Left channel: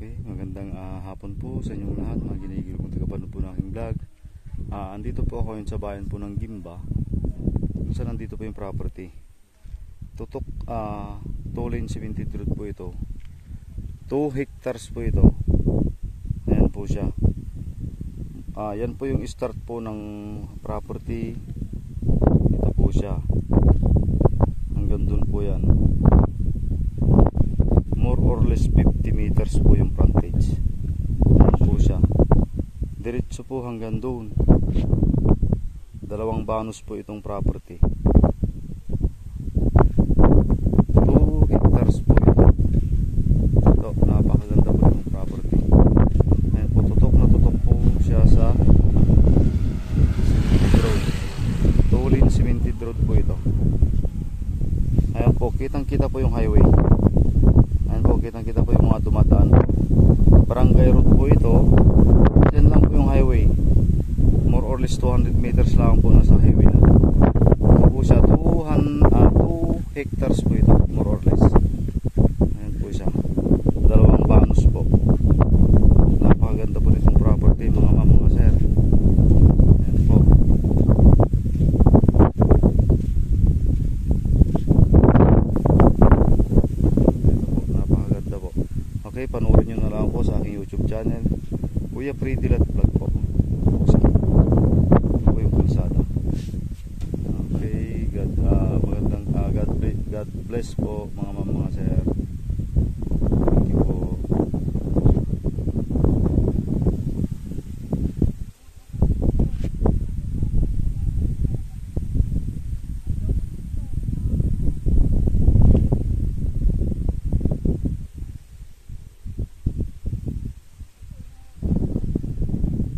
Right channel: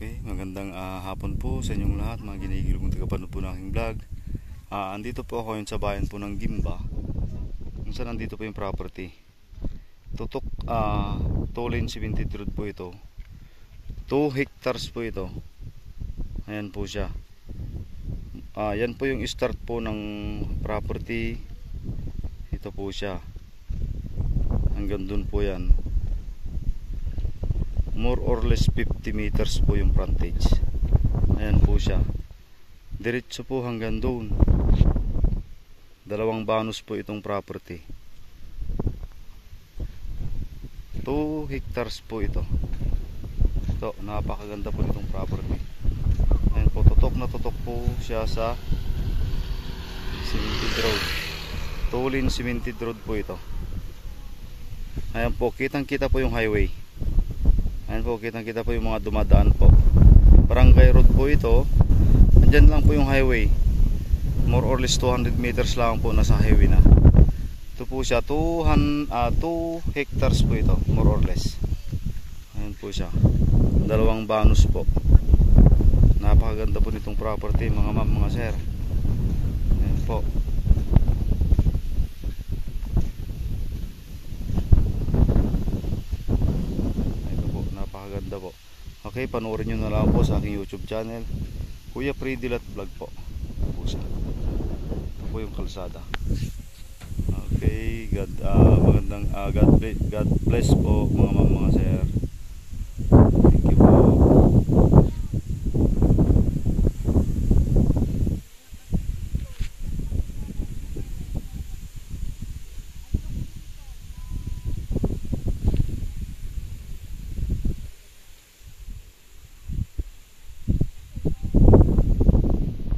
Okay, magandang hapon po sa inyong lahat, mga ginigil kong tagapanood po ng aking vlog. Andito po ako yun sa bayan po ng Gimba, kung saan nandito po yung property. Tutok 2 lane cemented road po ito. 2 hectares po ito. Ayan po siya. Yan po yung start po ng property. Ito po siya. Hanggang dun po yan. More or less 50 meters po yung frontage. Ayan po siya. Diretso po hanggang doon. 2 banos po itong property. 2 hectares po ito. Ito, napakaganda po itong property. Ayan po, tutok na tutok po siya sa cemented road. 2 lane cemented road po ito. Ayan po, kitang kita po yung highway. Ayan po, kitang kita po yung mga dumadaan po. Barangay road po ito. Diyan lang po yung highway. More or less 200 meters lang po nasa highway na. Ito po siya, 2 hectares po ito, more or less. Ayan po siya. 2 banos po. Napakaganda po nitong property, mga ma'am, mga sir. Ayan po. Okay, panoorin nyo na lang po sa aking YouTube channel, Kuya Freddy Lat Vlog po. Ito po yung kalsada. Okay, God bless po mga ma'am, mga sir.